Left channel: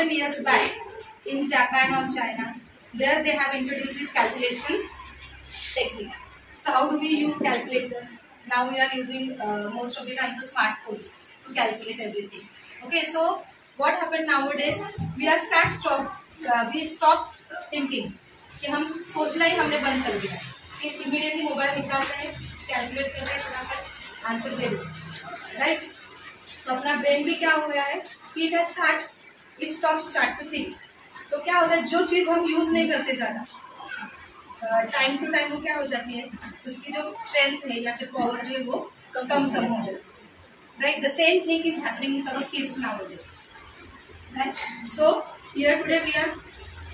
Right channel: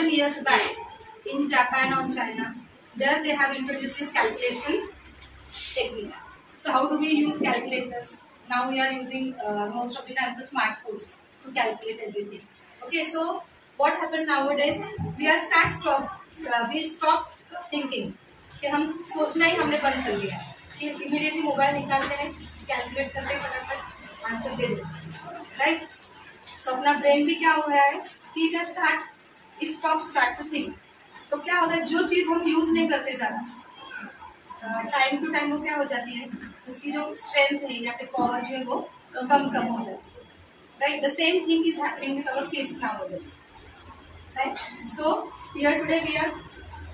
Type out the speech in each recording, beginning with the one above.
2000 years back in Japan or China, there they have introduced this calculation technique. So how do we use calculators? Now we are using most of the time the smartphones to calculate everything. Okay, so what happened nowadays? We stop thinking कि हम सोचना ही हमने बंद कर दिया कि immediately mobile निकालते हैं, कैलकुलेट करते हैं, फटाफट आंसर दे देते, राइट? सो अपना ब्रेन भी क्या हो गया है कि इट स्टार्ट टू थिंक. तो क्या होता है, जो चीज़ हम यूज नहीं करते ज़्यादा, टाइम टू टाइम वो क्या हो जाती है, उसकी जो स्ट्रेंथ है या फिर पावर जो है वो कम हो जाती है, right? The same thing is happening with our kids nowadays, right? So here today we are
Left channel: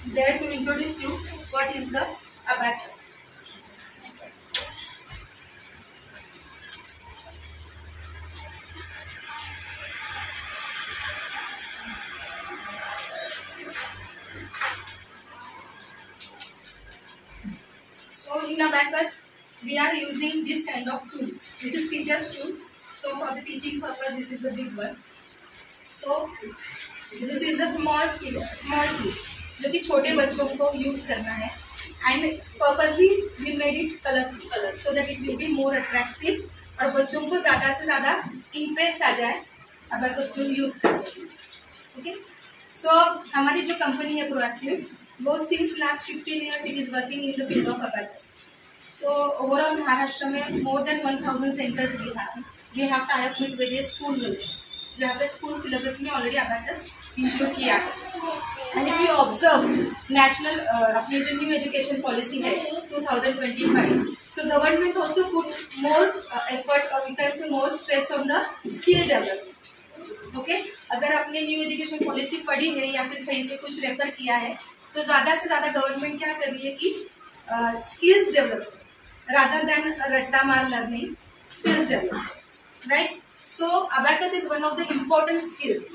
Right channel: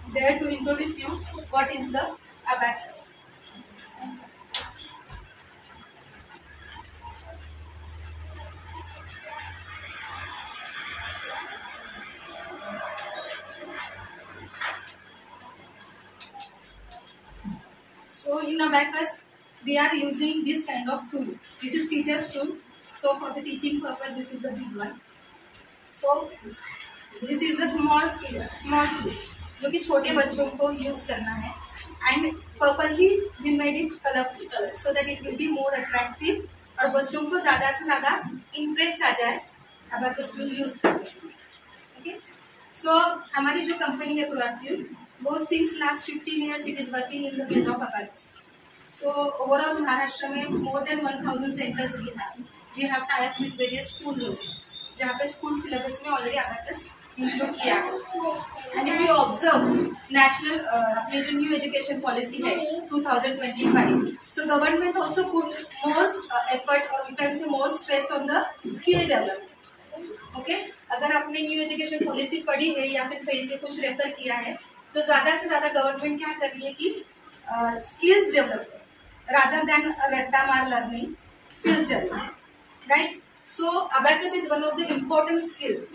there to introduce you what is the abacus. So in abacus we are using this kind of tool. This is teacher's tool. So for the teaching purpose this is the big one. So this is the small tool जो कि छोटे बच्चों को use करना है, and purposely we made it colourful so that it will be more attractive और बच्चों को ज़्यादा से ज़्यादा इंटरेस्ट आ जाए abacus tool यूज करने में. ओके, सो हमारी जो कंपनी है प्रोएक्टिव, वो since last 15 years it is working in the field of abacus. So overall Maharashtra में more than 1000 centres we have tie up with various schools, जहाँ पे स्कूल सिलेबस में ऑलरेडी abacus इंक्लूड किया है. And if you observe national अपनी जो new education policy है 2025, so government also put more effort और we can say more stress on the skill development. Okay, अगर आपने न्यू एजुकेशन पॉलिसी पढ़ी है या फिर कहीं पे कुछ रेफर किया है, तो ज़्यादा से ज़्यादा गवर्नमेंट क्या कर रही है कि स्किल्स डेवलप रादर देन रट्टा मार learning, skills develop, right? So abacus is one of the important skill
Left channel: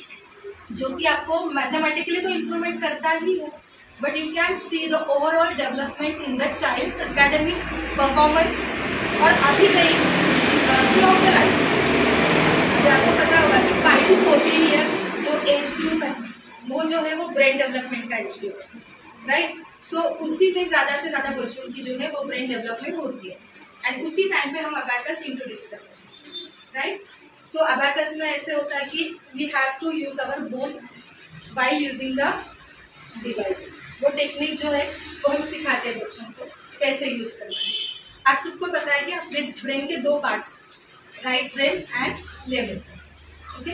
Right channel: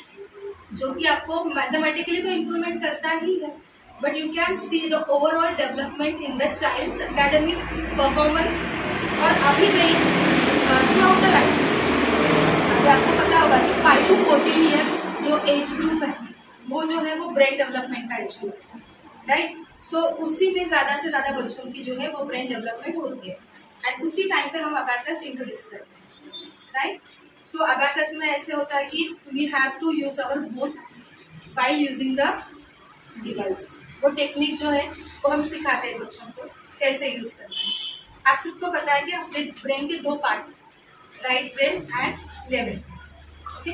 जो कि आपको मैथमेटिकली तो इम्प्रूवमेंट करता ही है, but you can see the overall development in the child's academic performance और अभी नहीं थ्रू आउट द लाइफ. तो आपको पता होगा कि 5 to 14 years जो एज ग्रुप है वो जो है वो ब्रेन डेवलपमेंट का एज ग्रुप है, राइट? सो उसी में ज़्यादा से ज़्यादा बच्चों की जो है वो ब्रेन डेवलपमेंट होती है, एंड उसी टाइम पे हम abacus इंट्रोड्यूस करते हैं, राइट? सो abacus में ऐसे होता है कि we have to use our both hands while using the device. वो टेक्निक जो है वो हम सिखाते हैं बच्चों को कैसे यूज करना है. आप सबको पता है कि अपने ब्रेन के दो parts, right brain and left brain. Okay,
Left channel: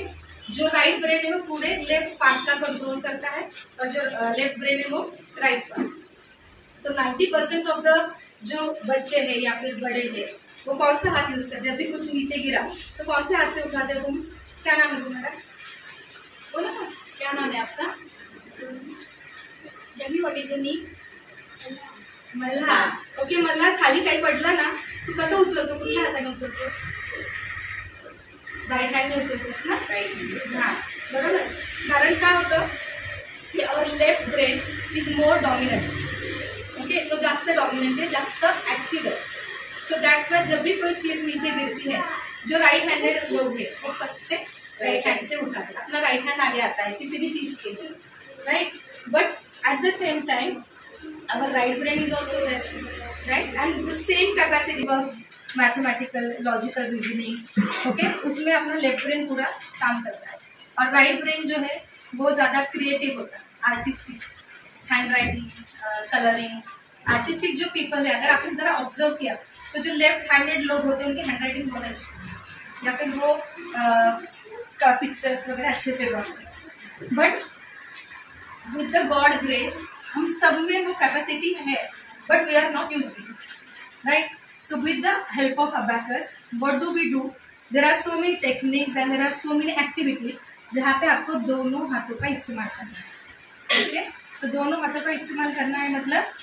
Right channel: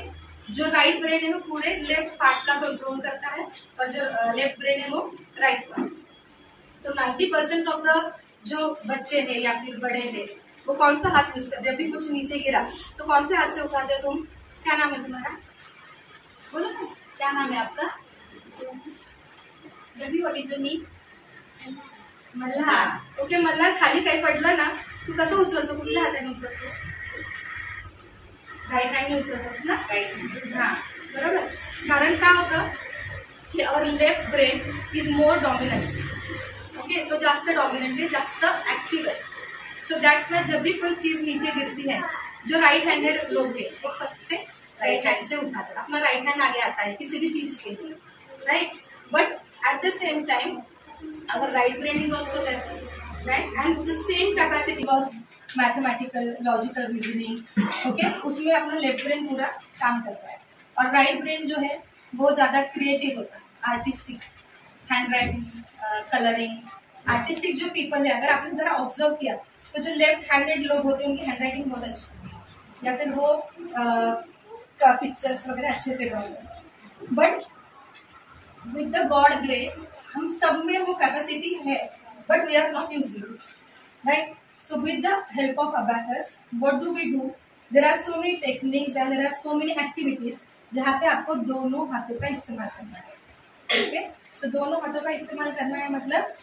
जो राइट ब्रेन है वो पूरे लेफ्ट पार्ट का कंट्रोल करता है और जो लेफ्ट ब्रेन है वो राइट पार्ट. तो 90% ऑफ द जो बच्चे हैं या फिर बड़े हैं वो कौन सा हाथ यूज करते? जब भी कुछ नीचे गिरा तो कौन से हाथ से उठाते हो तुम? क्या नाम है तुम्हारा? बोलो ना, क्या नाम है आपका? जबी, what is your name? Malhar. Okay, Malhar, खाली काही पडला ना तू कसं उचलतो? कुठल्या हाताने उचलतोस? राईट हँडने उचलतोस ना? राईट. हां, बरोबर. कारण काय होतं की our left brain is more dominant. Okay, तो जास्त डॉमिनंट है, जास्त ऍक्टिव्ह है. सो दैट्स वाई जब भी कोई चीज नीचे गिरती है, जो राइट हैंडेड लोग है वो फर्स्ट से राइट हैंड से उठाते हैं, अपना राइट हैंड आगे आता है किसी भी चीज के लिए, right? But at the same time our right brain is also there, right? And the same capacity works mathematical, logical reasoning. Okay, उसमें अपना लेफ्ट ब्रेन पूरा काम करता है, और राइट ब्रेन जो है वो ज्यादा क्रिएटिव होता है, artistic, hand writing, colouring. Artistic जो पीपल है, अगर आपने जरा ऑब्जर्व किया तो जो लेफ्ट हैंडेड लोग होते हैं उनकी हैंड राइटिंग बहुत अच्छी है, या फिर वो पिक्चर्स वगैरह अच्छे से ड्रॉ करते हैं. But with the God grace हम सब में वो कैपेसिटी है, but we are not using it, right? So with the help of abacus what do we do? There are so many techniques and there are so many activities जहाँ पे आपको दोनों हाथों का इस्तेमाल करना है. ओके, सो दोनों हाथों का इस्तेमाल करना है मतलब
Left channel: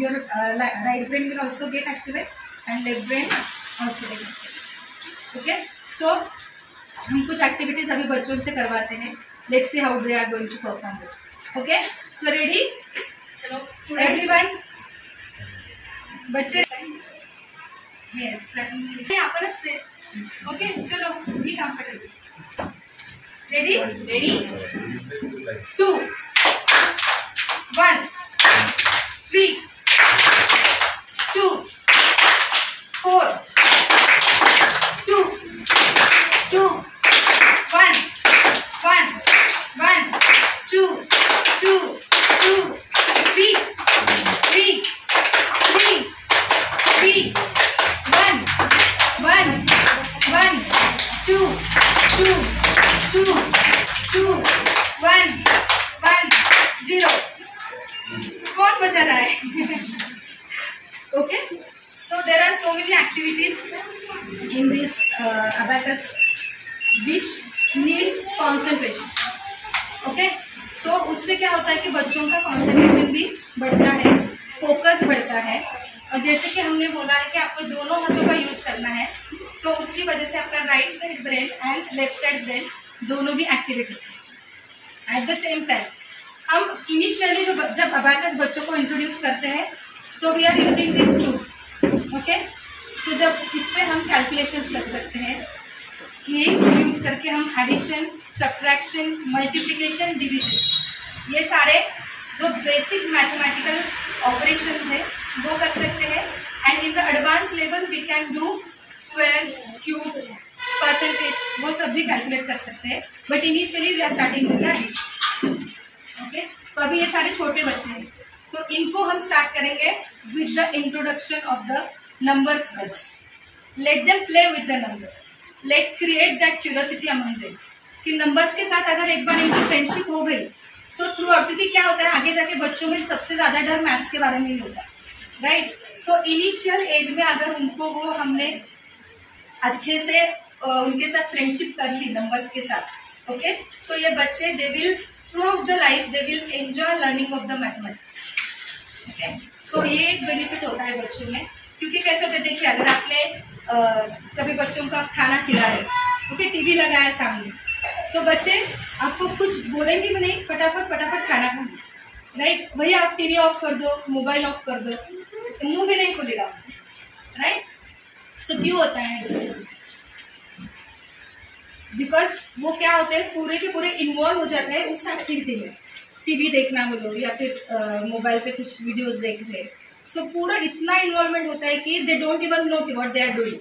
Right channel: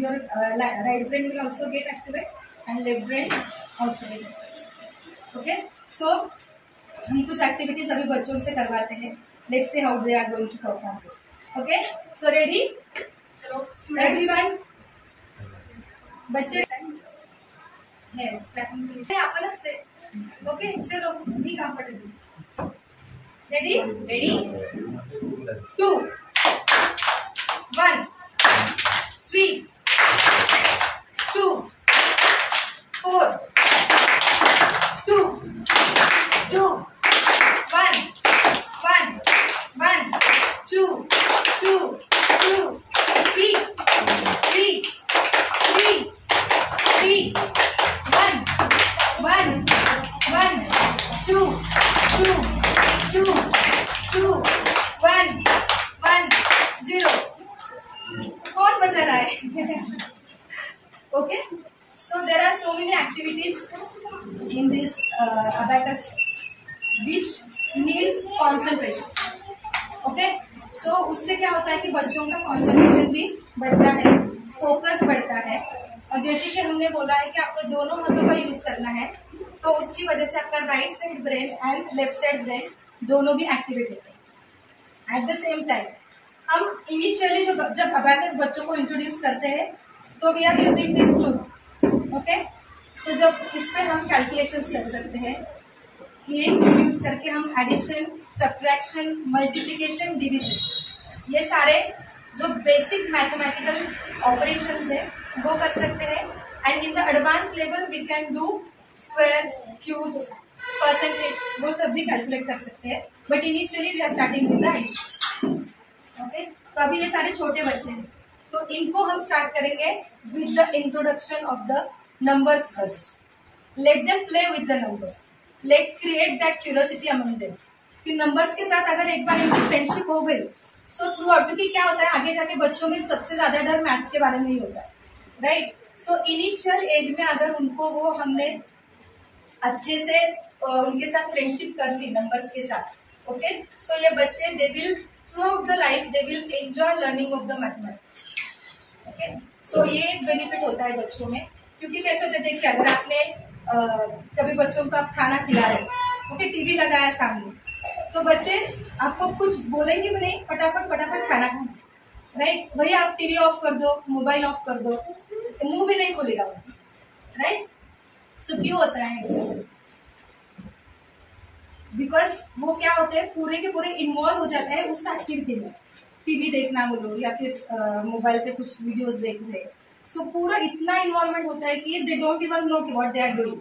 your right brain will also get activate and left brain also get activated. Okay, so हम कुछ एक्टिविटीज अभी बच्चों से करवाते हैं. Let's see how they are going to perform it. Okay, so ready? चलो everyone, बच्चे है आपनच से. Okay, चलो be comfortable. Ready? 2 1 3 2 4 2 2 1 1 1 2 2 2 3 3 3 3 1 1 1 2 2 2 2 1 1 0. कौन बचा रहा है? Okay, so there are so many activities in this abacus which needs concentration. Okay, so उससे क्या होता है कि बच्चों का concentration भी बढ़ता है, फोकस बढ़ता है. और जैसे कि हमने बोला है कि आपको दोनों हाथों का यूज करना है, तो उसकी वजह से आपका right side brain and left side brain दोनों भी एक्टिवेट होते हैं एट द सेम टाइम. हम इनिशियली जब अबैकस बच्चों को इंट्रोड्यूस करते हैं तो we are using this tool. Okay, तो जब इस पे हम कैलकुलेशंस कर सकते हैं, ये टूल यूज करके हम एडिशन, सब्ट्रैक्शन, मल्टीप्लिकेशन, डिवीजन, ये सारे जो बेसिक मैथमेटिकल ऑपरेशंस है वो कर सकते हैं. And in the advance level we can do squares, cubes, percentage, वो सब भी कैलकुलेट कर सकते हैं. But initially we are starting with the additions. Okay, तो अभी ये सारे छोटे बच्चे हैं, तो इनको हम स्टार्ट करेंगे with the introduction of the numbers first. Let them play with the numbers, let create that curiosity among them कि नंबर्स के साथ अगर एक बार इनकी फ्रेंडशिप हो गई सो थ्रू आउट, क्योंकि क्या होता है आगे जाके बच्चों में सबसे ज्यादा डर मैथ्स के बारे में ही होता है, राइट. सो इनिशियल एज में अगर उनको वो हमने अच्छे से उनके साथ फ्रेंडशिप कर ली नंबर्स के साथ, ओके, सो ये बच्चे they will throughout the life they will enjoy learning of the mathematics. Okay, so ये एक बेनिफिट होता है बच्चों में. क्योंकि कैसे होता है, देखिए अगर आपने कभी बच्चों को आप खाना खिला रहे, ओके, टीवी लगाया सामने, तो बच्चे आपको कुछ बोलेंगे भी नहीं, फटाफट फटाफट खाना खाना, राइट. वही आप टीवी ऑफ कर दो, मोबाइल ऑफ कर दो, मुंह भी नहीं खोलेगा, राइट. सो क्यों होता है ऐसे? बिकॉज वो क्या होते हैं, पूरे के पूरे इन्वॉल्व हो जाते हैं उस एक्टिविटी में. टीवी देखना बोलो या फिर मोबाइल पे कुछ वीडियोस देख रहे, सो पूरा इतना इन्वॉल्वमेंट होता है कि they don't even know what they are doing.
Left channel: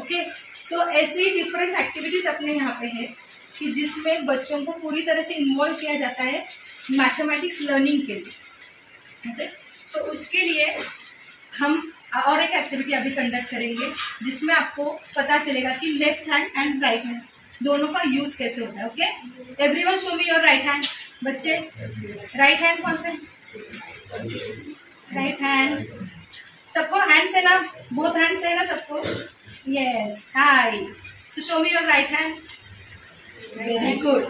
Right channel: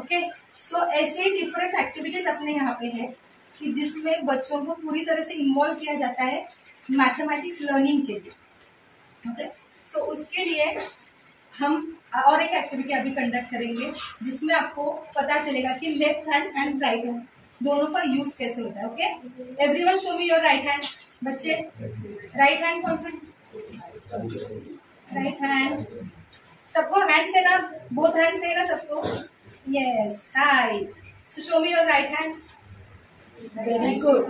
Okay, so ऐसे ही डिफरेंट एक्टिविटीज अपने यहाँ पे है कि जिसमें बच्चों को पूरी तरह से इन्वॉल्व किया जाता है मैथमेटिक्स लर्निंग के लिए. ओके, सो उसके लिए हम और एक एक्टिविटी अभी कंडक्ट करेंगे जिसमें आपको पता चलेगा कि left hand and right hand दोनों का यूज कैसे होता है. Okay, everyone show me your right hand. बच्चे राइट हैंड कौन से? Right hand. सबको हैंड से ना, बोथ हैंड से ना सबको? Yes, hi. So show me your right hand. Very good.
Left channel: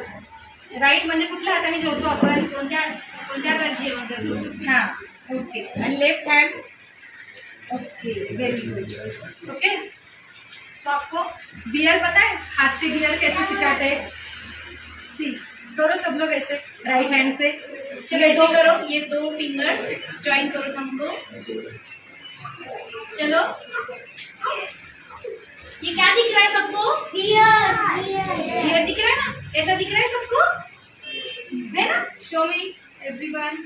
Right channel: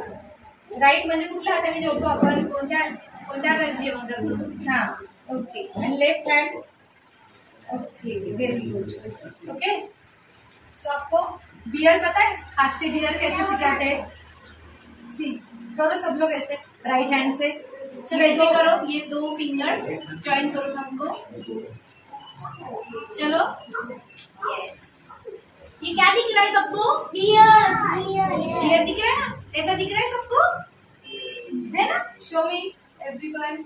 Right म्हणजे कुठल्या हाताने जेवतो आपण? कोणत्या हाताने जेवण करतो? हां, ओके. आणि left hand? Okay, very good. Okay, so आपको बियर पता है, हाथ से बियर कैसे सिखाते हैं? सी करो सब लोग ऐसे राइट हैंड से. चलो ऐसे करो, ये 2 फिंगर्स ज्वाइन करो हमको. चलो, ये क्या दिख रहा है सबको? बियर दिख रहा है ना, ऐसा दिख रहा है सबको, है ना? Show me everyone.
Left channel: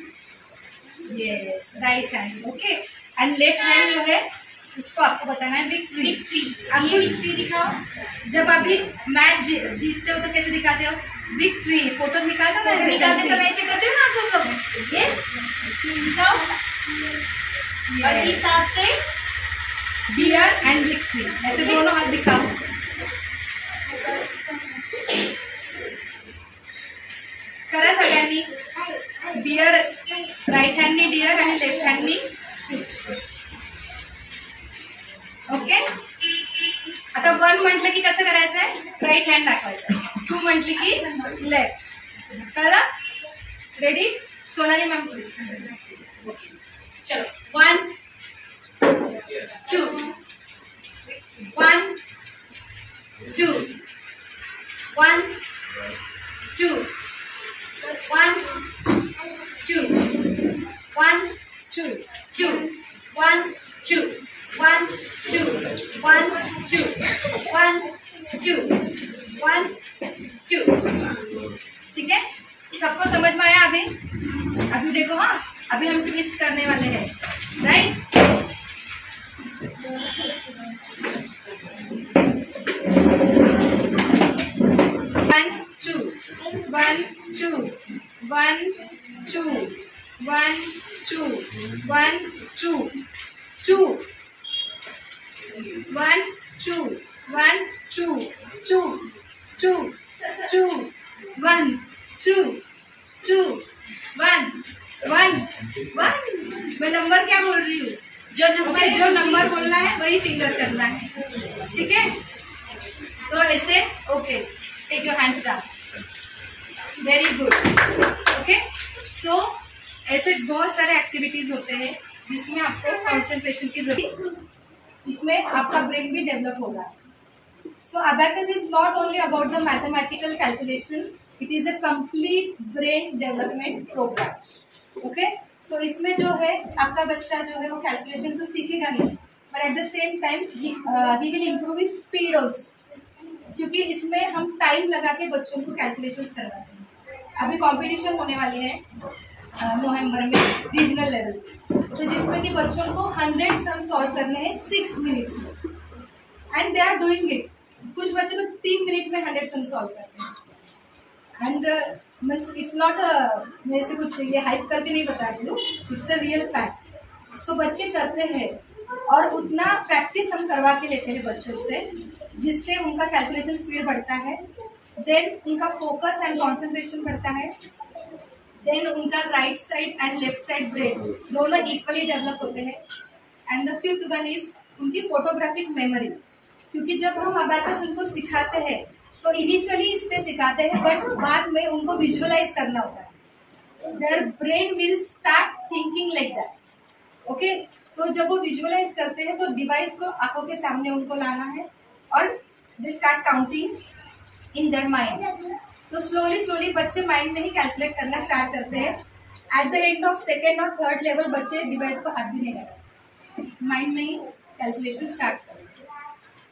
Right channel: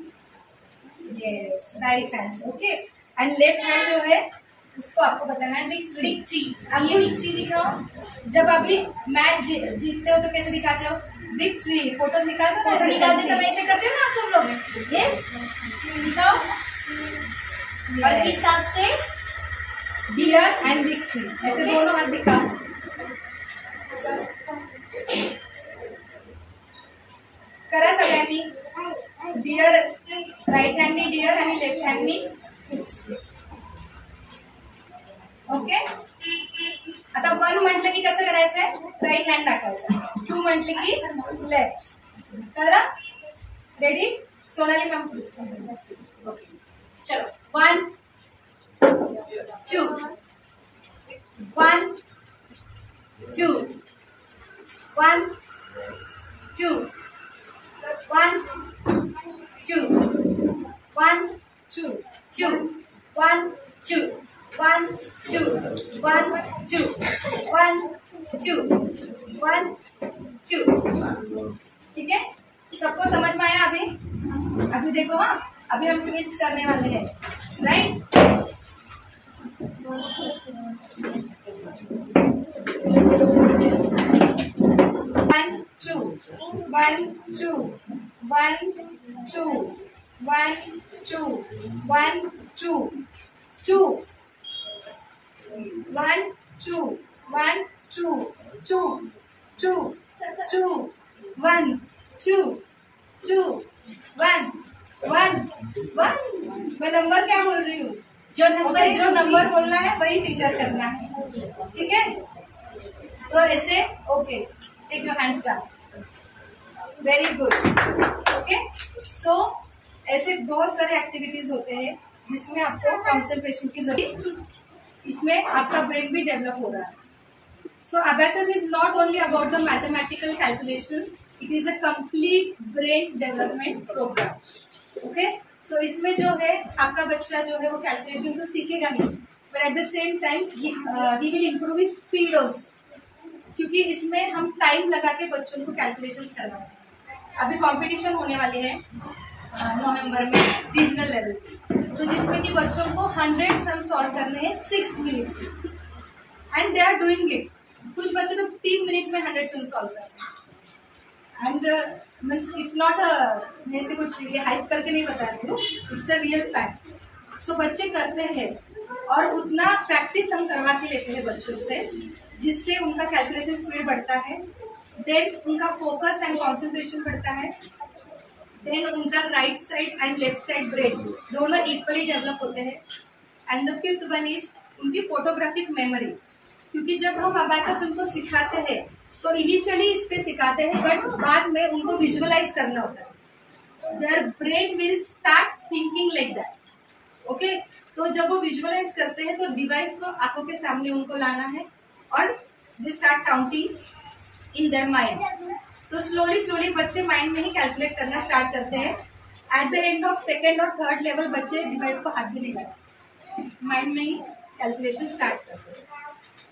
Yes, right hand. Okay, and left hand जो है उसको आपको बताना है विक्ट्री. आपको विक्ट्री दिखाओ. जब अभी मैच जीतते हो तो कैसे दिखाते हो? विक्ट्री. फोटोज निकालते हो ना, निकालते समय ऐसे करते हो ना आप सब लोग. यस, दिखाओ. और इस हाथ से बियर एंड विक्ट्री, ऐसे दोनों हाथ दिखाओ. करा सगळ्यांनी. बियर राइट हँडनी डियर आणि लेफ्ट हँडनी विक्ट्री. ओके, आता 1 म्हटलं की कसं करायचं आहे? राईट हँड दाखवायचा. 2 म्हटले की लेफ्ट. कळलं? Ready? Sonali ma'am please. Okay, चलो. 1 2 1 2 1 2 1 2 1 2 2 1 2 1 2 1 2 1 2 1 2. ठीक है, सबको समझ में आया अभी? अभी देखो, हाँ अभी हम ट्विस्ट करने वाले हैं, राइट। 1 2 1 2 1 2 1 2 2 1 2 1 2 2 2 2 1 2 2 1 1 1। मैं नंबर क्या बोल रही हूँ? जो नंबर बोलना है वही फिंगर करना है, ठीक है। तो ऐसे okay, take your hands down, very good, okay. So ऐसे बहुत सारे एक्टिविटीज होते हैं जिसमें आपको कंसंट्रेशन की जरूरत, इसमें आपका ब्रेन भी डेवलप हो रहा है। So abacus is not only about the mathematical calculations, it is a complete brain development programme, okay. So इसमें जो है आपका बच्चा जो है वो कैलकुलेशन तो सीखेगा नहीं, but at the same time he will improve his speed also, क्योंकि इसमें हम टाइम लगा के बच्चों को कैलकुलेशंस करवाते हैं। अभी कंपटीशन होने वाले हैं नवंबर में रीजनल लेवल, तो जिसमें कि बच्चों को 100 सम सॉल्व करने हैं 6 मिनट्स में, and they are doing it. कुछ बच्चे तो 3 मिनट में 100 सम सॉल्व करते हैं, एंड मीन्स इट्स नॉट मैं से कुछ ये हाइप करके नहीं बता रही हूँ, इट्स अ रियल फैक्ट। सो बच्चे करते हैं और उतना प्रैक्टिस हम करवा के लेते हैं बच्चों से, जिससे उनका कैलकुलेशन स्पीड बढ़ता है, देन उनका फोकस एंड कंसंट्रेशन बढ़ता है, देन उनका right side and left side brain दोनों इक्वली डेवलप होते हैं, and the fifth one is उनकी फोटोग्राफिक मेमोरी। क्योंकि जब हम अबैकस उनको सिखाते हैं तो इनिशियली इस पे सिखाते हैं, बट बाद में उनको विजुअलाइज करना होता है, their brain will start thinking like that, okay. तो जब वो विजुअलाइज करते हैं तो डिवाइस को आंखों के सामने उनको लाना है और they start counting in their mind. तो स्लोली बच्चे माइंड में ही कैलकुलेट करना स्टार्ट करते हैं। At the end of second और थर्ड लेवल बच्चे डिवाइस को हाथ भी नहीं लगाते, माइंड में ही कैलकुलेशन स्टार्ट करते हैं।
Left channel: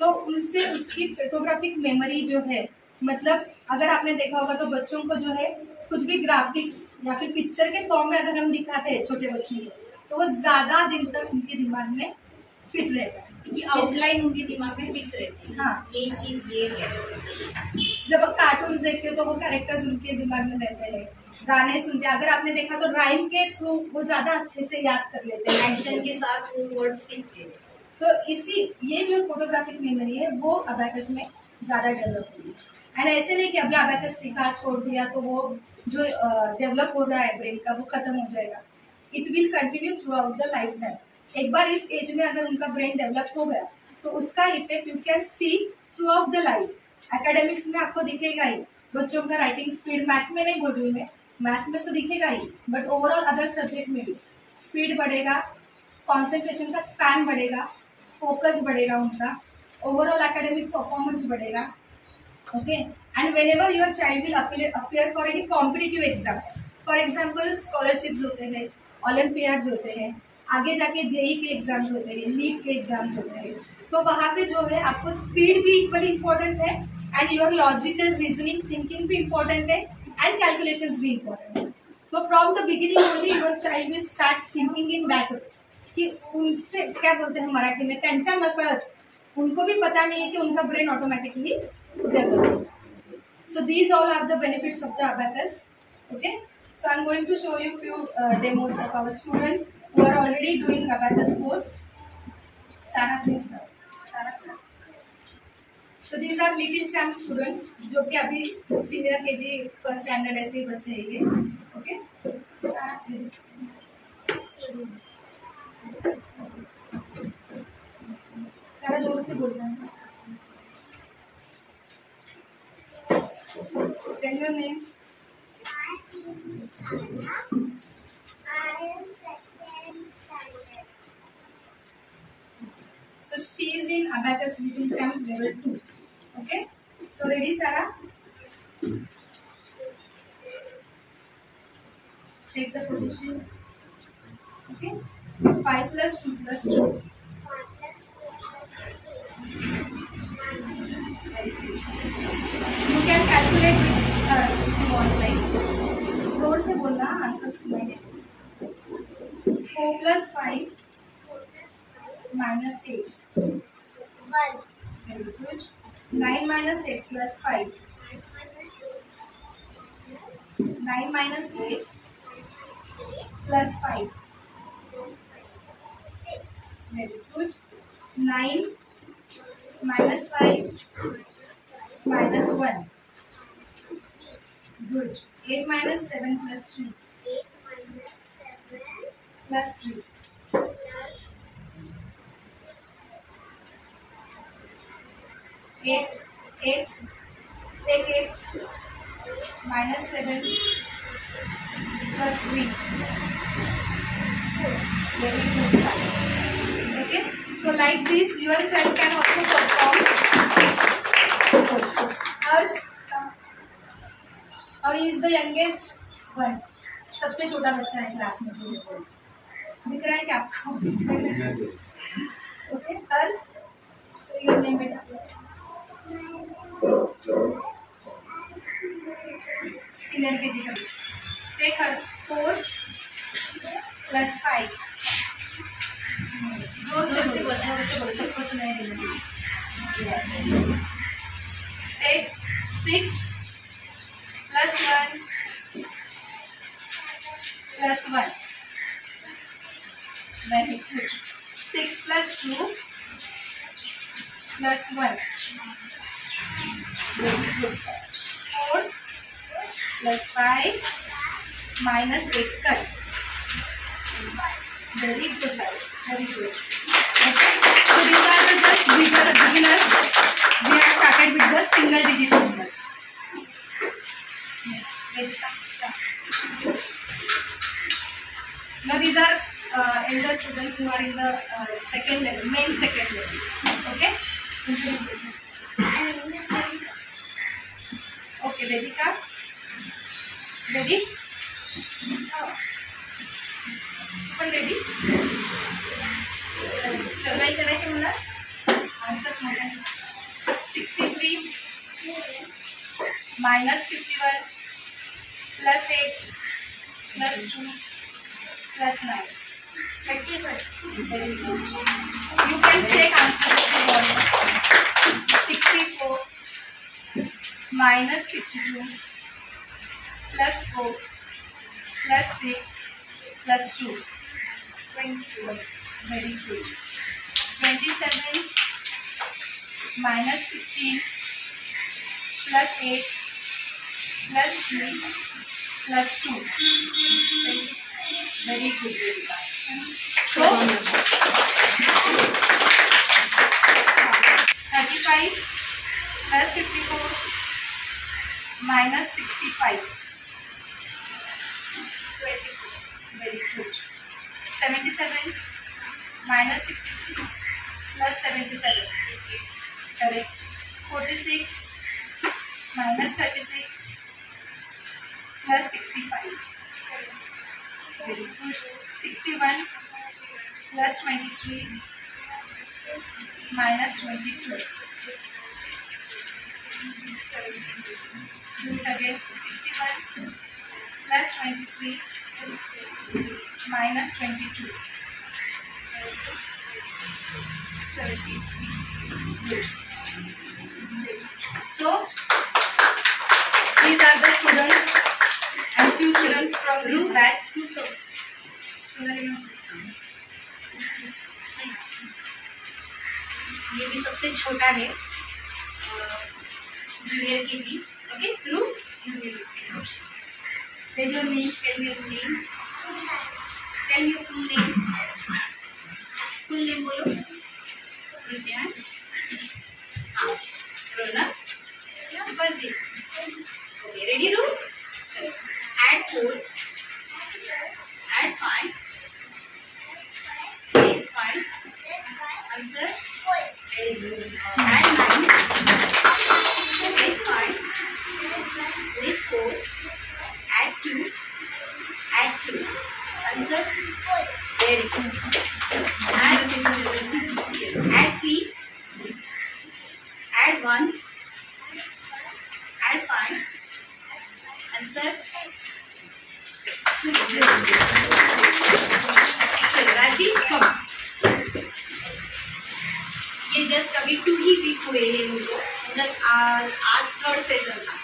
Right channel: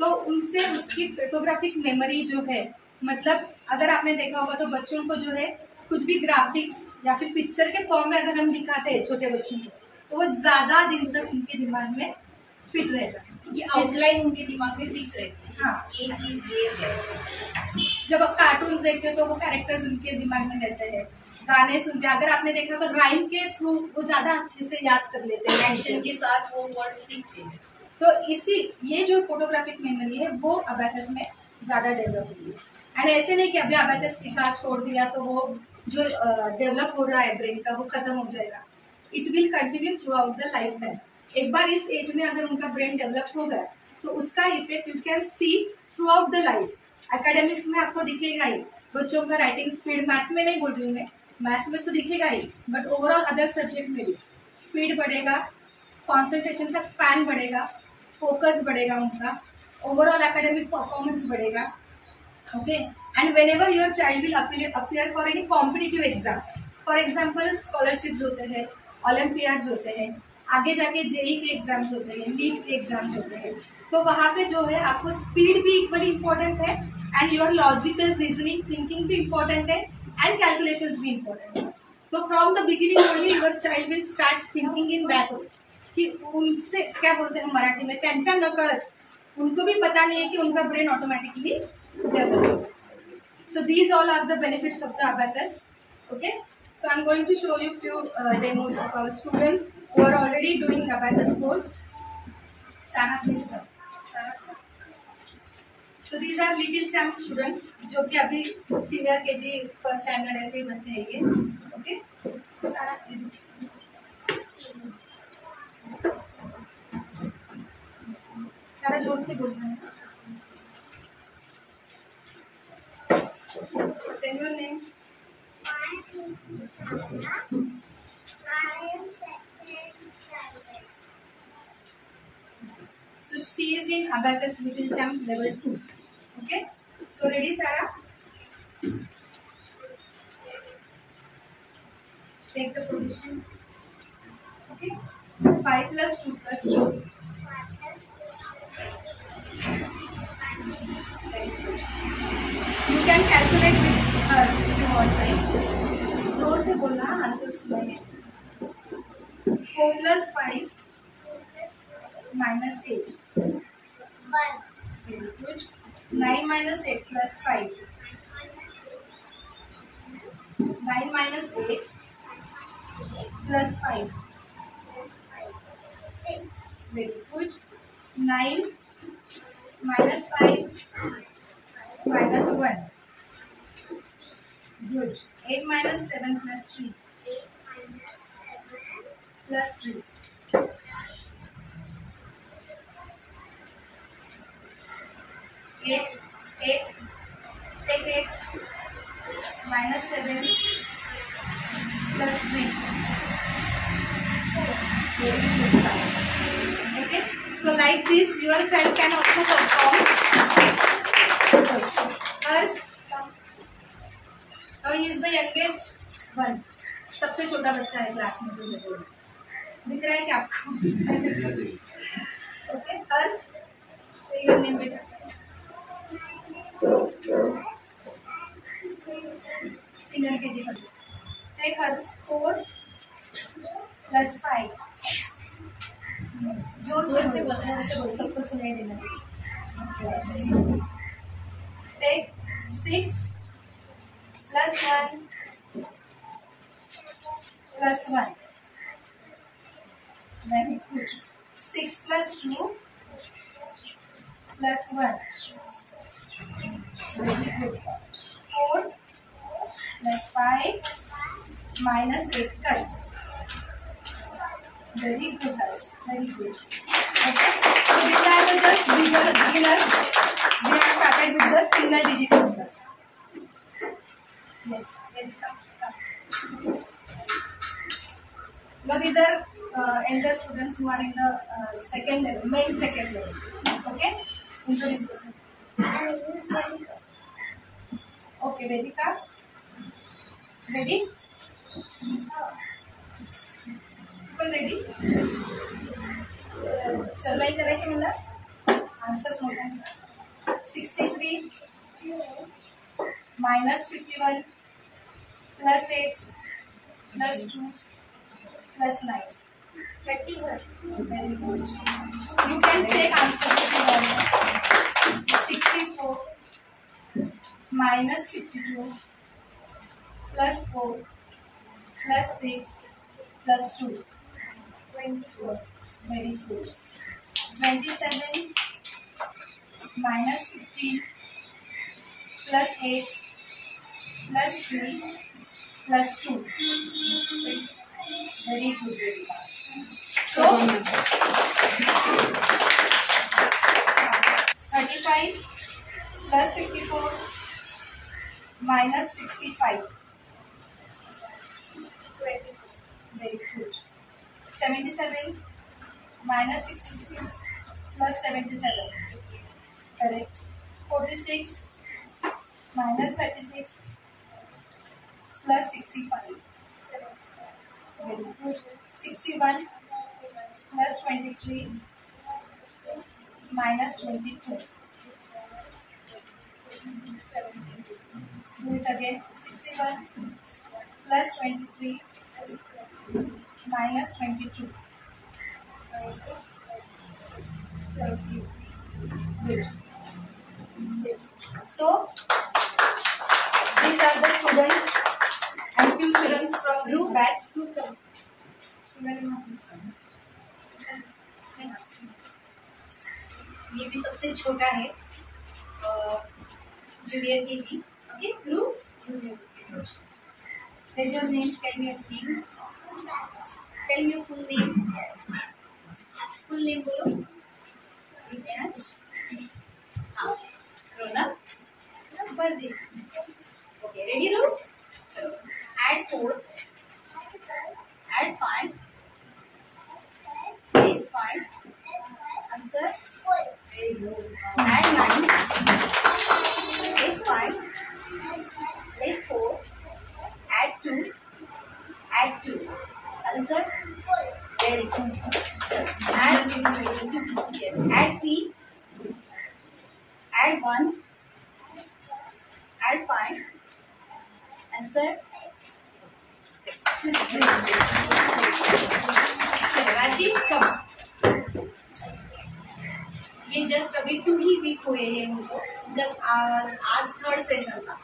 तो उनसे उसकी फोटोग्राफिक मेमोरी जो है, मतलब अगर आपने देखा होगा तो बच्चों को जो है कुछ भी ग्राफिक्स या फिर पिक्चर के फॉर्म में अगर हम दिखाते हैं छोटे बच्चों को, तो वो ज्यादा दिन तक उनके दिमाग में फिट रहेगा, कि आउटलाइन उनके दिमाग में फिक्स रहती है। हाँ, ये चीज ये है। जब आप कार्टून्स देखते हो तो वो कैरेक्टर्स उनके दिमाग में रहते हैं, गाने सुनते हैं, अगर आपने देखा तो राइम के थ्रू वो ज्यादा अच्छे से याद कर लेते हैं, एक्शन के साथ वो वर्ड सीखते हैं। तो इसी ये जो फोटोग्राफिक मेमोरी है वो अबैकस में ज्यादा डेवलप हुई है। एंड ऐसे नहीं कि अभी अबैकस सीखा छोड़ दिया तो वो जो डेवलप हो रहा है ब्रेन का वो खत्म हो जाएगा। It will continue through out the life time. एक बार इस एज में अगर उनका ब्रेन डेवलप हो गया तो उसका effect you can C through out the life. Academics में आपको दिखेगा ही, बच्चों का राइटिंग स्पीड, मैथ में नहीं बोल रही हूँ मैं, मैथ में तो दिखेगा ही, बट ओवरऑल अदर सब्जेक्ट में भी स्पीड बढ़ेगा, कॉन्सेंट्रेशन का स्पैन बढ़ेगा, फोकस बढ़ेगा उनका, ओवरऑल एकेडमिक परफॉर्मेंस बढ़ेगा, okay. And when ever your child will appear for any competitive exams, for example scholarships होते हैं, ओलंपियाड्स होते हैं, आगे जाके जेई के एग्जाम्स होते हैं, नीट के एग्जाम्स होते हैं, तो वहां पे जो है आपको स्पीड भी इक्वली इम्पोर्टेंट है, and your logical reasoning thinking भी इम्पोर्टेंट है, एंड कैलकुलेशंस भी इम्पोर्टेंट है। तो from the beginning only your child will start thinking in that way, कि उनसे क्या बोलते हैं मराठी में, त्यांच्या नकळत, उनको भी पता नहीं है कि उनका brain automatically develop. So these all are the benefits of the abacus, okay. So I'm going to show you few demos of our students who are already doing abacus course. Sarah, please come. Sarah. So these are little champ students जो कि अभी senior KG first standard ऐसे ही बच्चे हैं ये, okay. सारा जोर से बोलना है। Tell your name. I am second standard. So she is in abacus little champ level 2. Okay. So ready, Sarah? Take the position. Okay. 5 plus 2 plus 2. 5 plus 2 plus 2. You can calculate with her if you want, right? जोर से से बोलना, answer सुनाइए। 4 + 5 - 8 very good. 9 - 8 + 5 9 - 8 + 5 very good. 9 - 5 - 1 good। 8 - 7 + 3 + 3 8 8 take 8 - 7 + 3 very good son. Okay, so like this your child can also perform also. Harsh, how is the youngest one? सबसे छोटा बच्चा है class में जो देखो दिख रहा है क्या आपको? ओके हर्ष, से योर नेम बेटा। सीनियर केजी का टेक हर्ष। 4 + 5 जोर से बोलो, सबको सुनाई देना चाहिए। Yes. Take 6 + 1 + 1 very good। 6 + 2 + 1 very good। 4 + 5 - 8 cut very good guys, very good। Okay, so these are the just beginners, they have started with the single digit numbers। yes, now these are elder students who are in the second level, main second level। okay, introduce yourself। okay, Vedika, ready? Ready? चल काय करायचं मला? Answers मोठे 63 - 51 + 8 + 2 + 9 31 very good। you can check answer if you want। 64 - 52 + 4 + 6 + 2 24 very good। 27 - 15 + 8 + 3 + 2 very good Vedika। so 35 + 54 - 65 24 very good। 77 - 66 + 77 correct। 46 - 36 + 65 very good। 61 + 23 - 22 do it again। 61 + 23 - 22 good। so these are the students and few students from this batch। Sonali ma'am please come। ये भी सबसे छोटा है, junior KG. Okay Dhruv, junior. tell your name। Tell me your name। Tell me your full name। full name बोलो। रुद्रांश। हाँ। Ronak. This। Okay, ready रू? चलो। Add 4। Add 5। Place 5। Answer। Very good। Add 9। Place 5। Place 4। Add 2। Add 2। Answer। Very good। Add yes. Add 3। Add 1। Add 5। Answer। चलो राशि कम, ये just अभी 2 ही week हुए हैं उनको, आज 3rd सेशन था।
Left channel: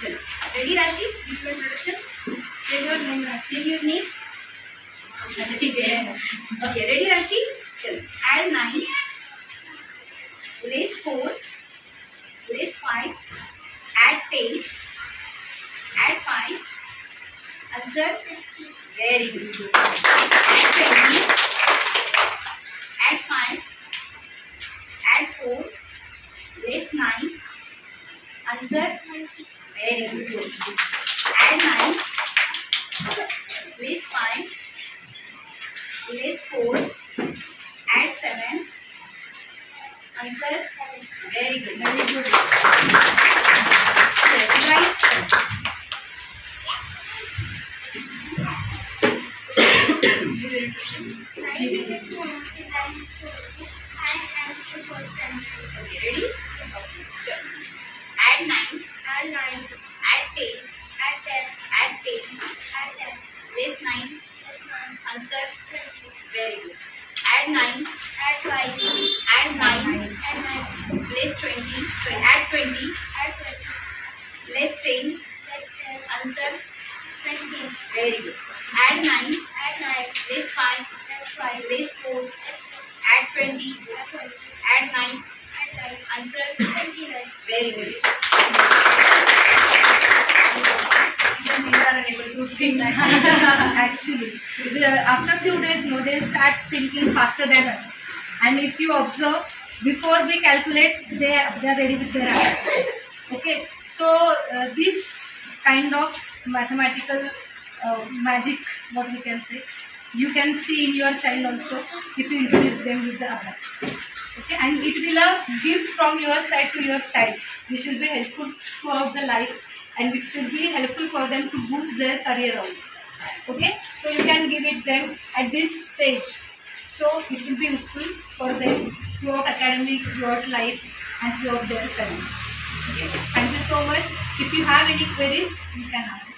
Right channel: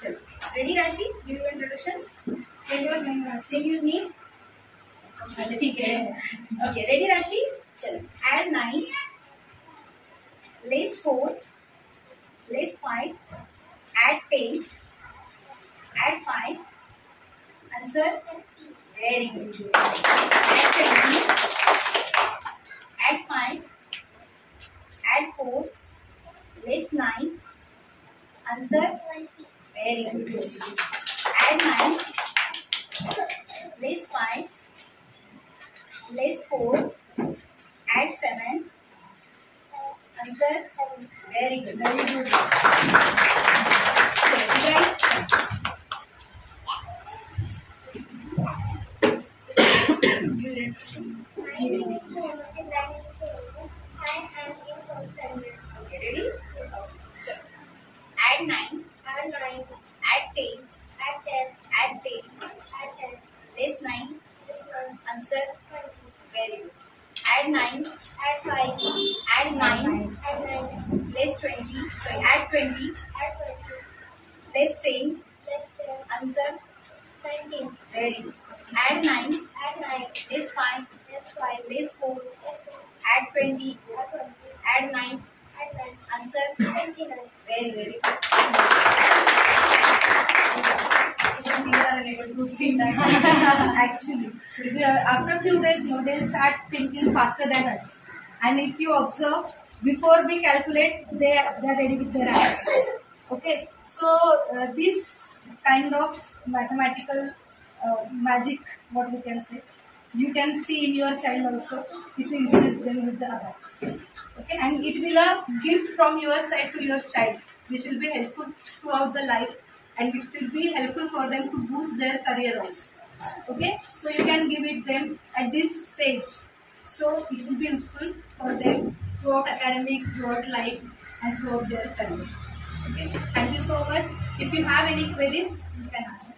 चलो ready Rashi, give your introductions. Tell your name, Rashi. Tell your name. ठीक है, ओके रेडी राशि। चलो add 9, less 4, less 5, add 10, add 5, answer very good. Add 20, add 5, add 4, less 9, answer very good. Add 9, less 5, less 4, add 7, answer very good. Very good. Right, My name is Mohammed Ibrahim Kogi. I am in 4th standard. Okay ready. चलो add 9, Add 9, add 10, add 10, add 10, add 10, less 9, plus 1, answer 20. Very good. Add 9, Add 5, add 9, add 9, less 20, sorry add 20, add 20, less 10, plus 10, answer 19. Very good. Add 9, Add 9, less 5, plus 5, less 4, plus 4, add 20, add 20, add 9, add 9, answer 29. Very good. Even these are unable to do things. Actually, after few days, no, they start thinking faster than us. And if you observe, before we calculate, they are ready with their answers. Okay, so this kind of mathematical magic, what we can say, you can see in your child also if you introduce them with the abacus. Okay, and it will a gift from your side to your child, which will be helpful throughout the life, and it will be helpful for them to boost their career also. Okay, so you can give it them at this stage, so it will be useful for them throughout academics, throughout life, and throughout their career. Okay, thank you so much. If you have any queries, you can ask.